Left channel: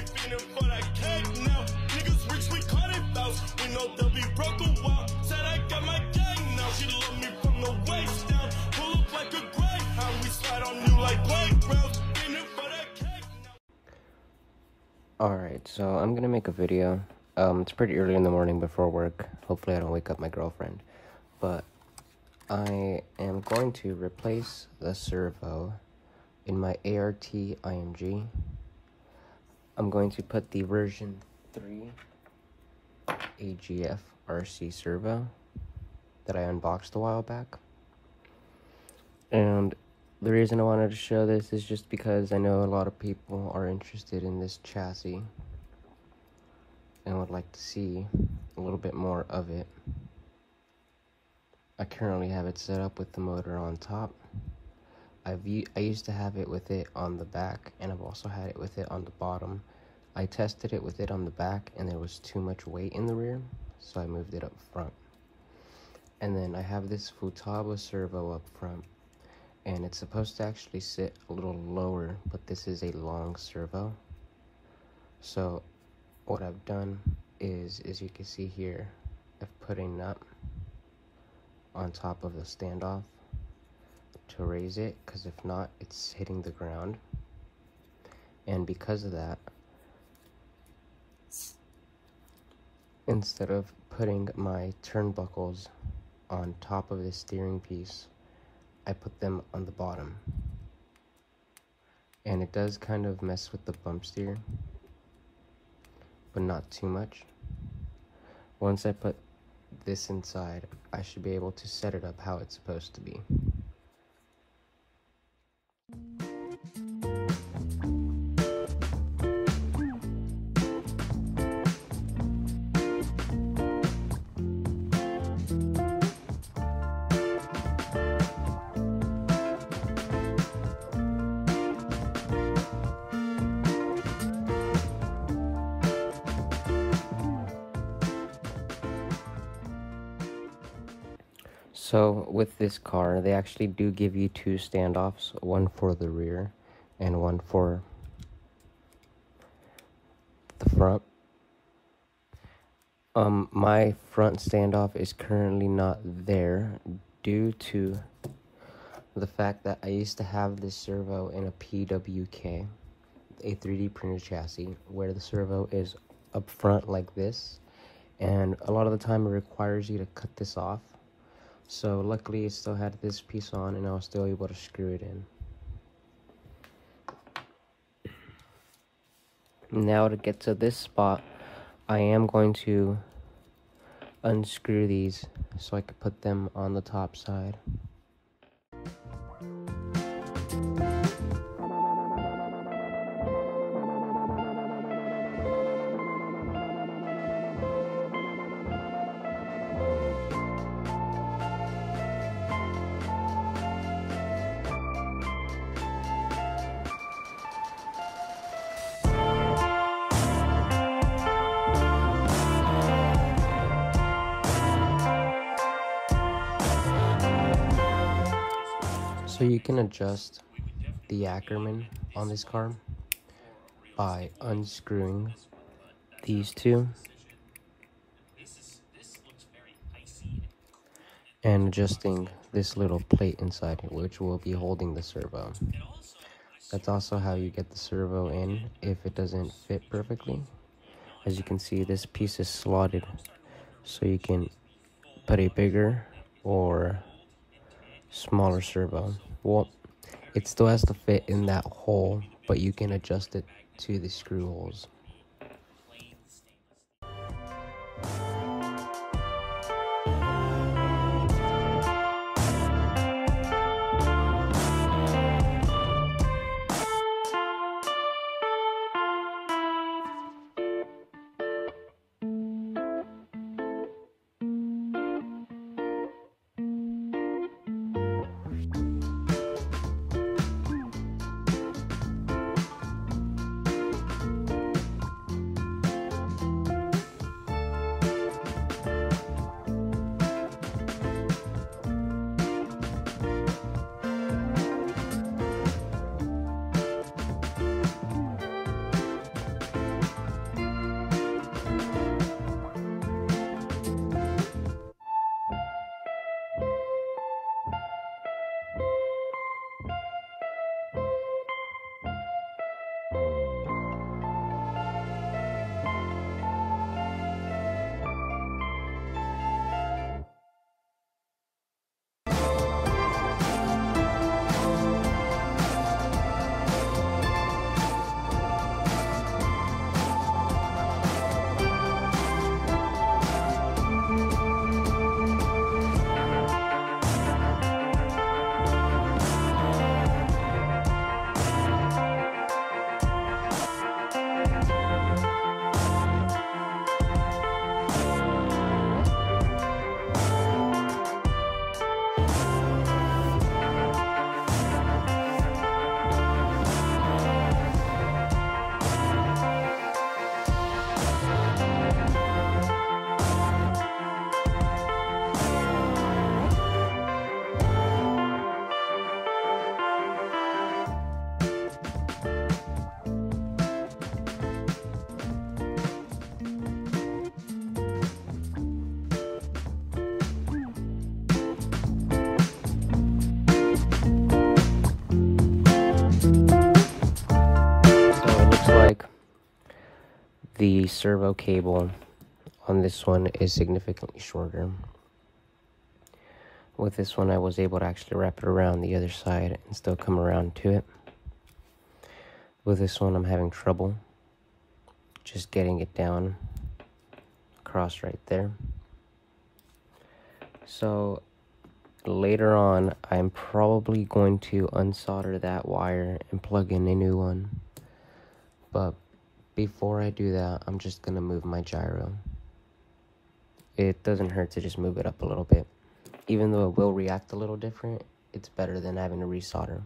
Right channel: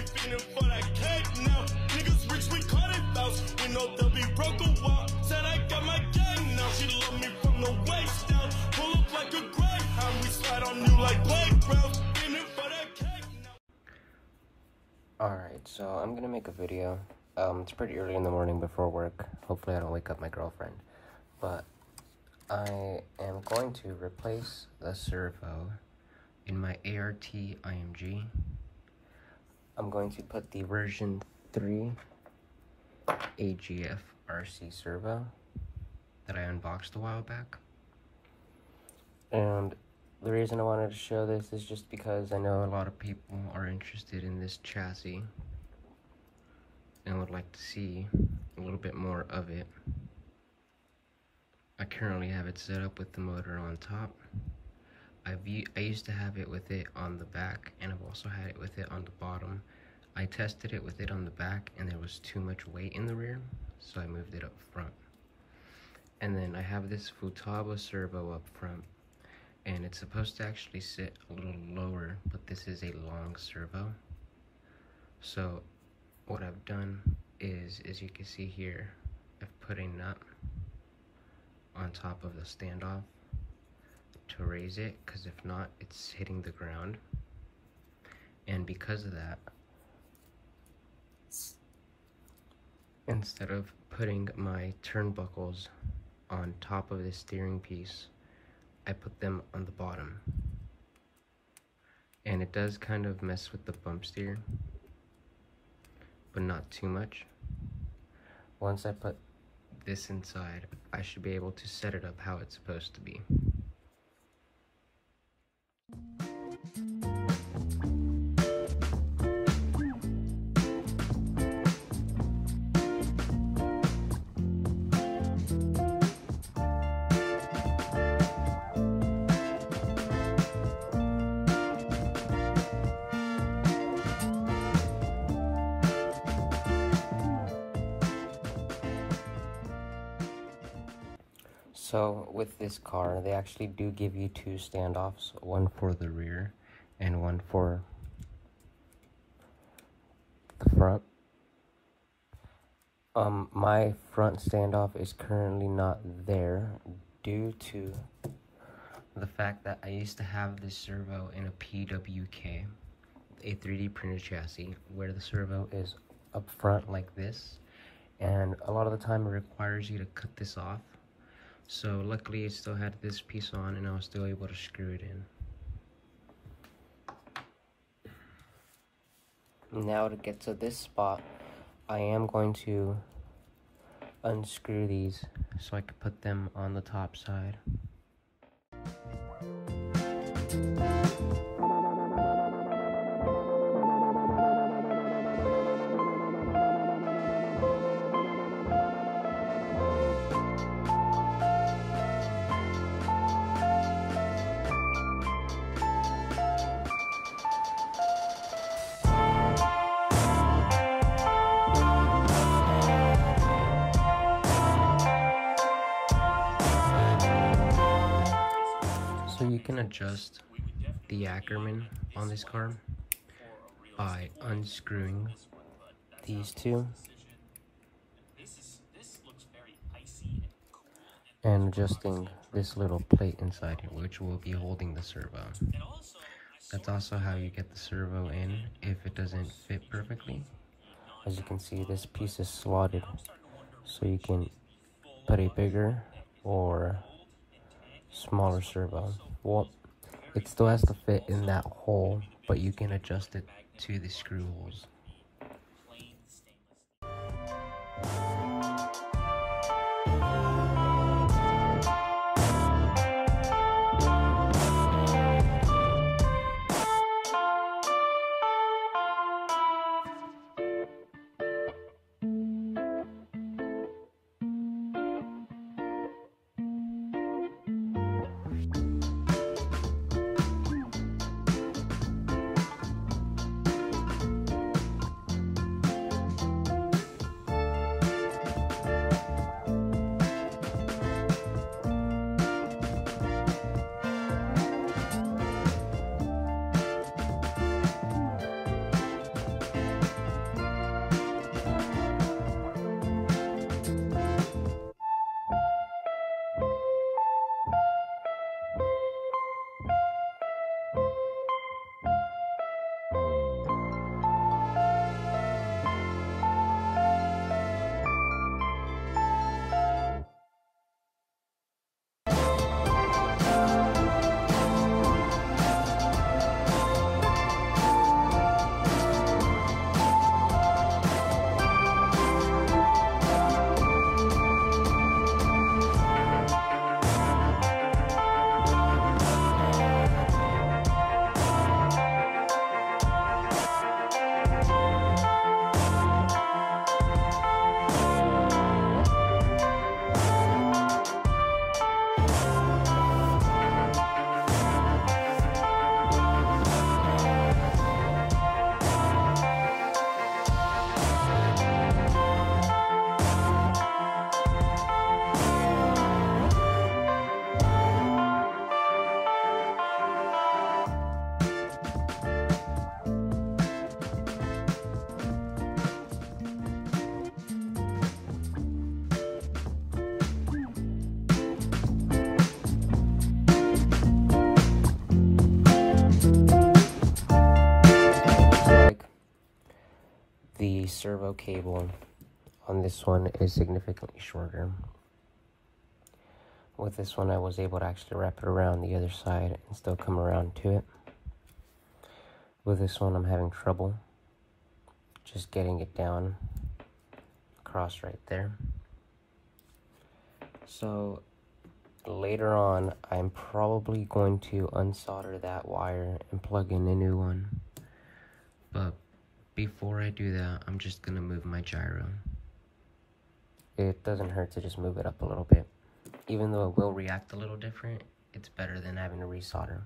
we fiending for that cake now. Niggas reach, we call it bounce. We know they'll be broke a while. Said I got my gang now. She love me from the waist down. Pull up like a greyhound. We slide on you like playgrounds. Fiending for that cake now. Alright, so I'm gonna make a video. It's pretty early in the morning before work. Hopefully I don't wake up my girlfriend. But I am going to replace the servo in my ART IMG. I'm going to put the version 3 AGFRC servo that I unboxed a while back. And the reason I wanted to show this is just because I know a lot of people are interested in this chassis and would like to see a little bit more of it. I currently have it set up with the motor on top. I used to have it with it on the back, and I've also had it with it on the bottom. I tested it with it on the back and there was too much weight in the rear, so I moved it up front. And then I have this Futaba servo up front, and it's supposed to actually sit a little lower, but this is a long servo. So what I've done is, as you can see here, I've put a nut on top of the standoff to raise it, because if not, it's hitting the ground. And because of that, instead of putting my turnbuckles on top of the steering piece, I put them on the bottom. And it does kind of mess with the bump steer, but not too much. Once I put this inside, I should be able to set it up how it's supposed to be. So with this car, they actually do give you two standoffs, one for the rear and one for the front. My front standoff is currently not there due to the fact that I used to have this servo in a PWK, a 3D printed chassis, where the servo is up front like this, and a lot of the time it requires you to cut this off. So luckily it still had this piece on and I was still able to screw it in. Now to get to this spot, I am going to unscrew these so I can put them on the top side. So you can adjust the Ackerman on this car by unscrewing these two and adjusting this little plate inside here, which will be holding the servo. That's also how you get the servo in if it doesn't fit perfectly. As you can see, this piece is slotted, so you can put a bigger or smaller servo. Well, it still has to fit in that hole, but you can adjust it to the screw holes. The servo cable on this one is significantly shorter. With this one, I was able to actually wrap it around the other side and still come around to it. With this one, I'm having trouble just getting it down across right there. So later on, I'm probably going to unsolder that wire and plug in a new one. But before I do that, I'm just gonna move my gyro. It doesn't hurt to just move it up a little bit. Even though it will react a little different, it's better than having to resolder.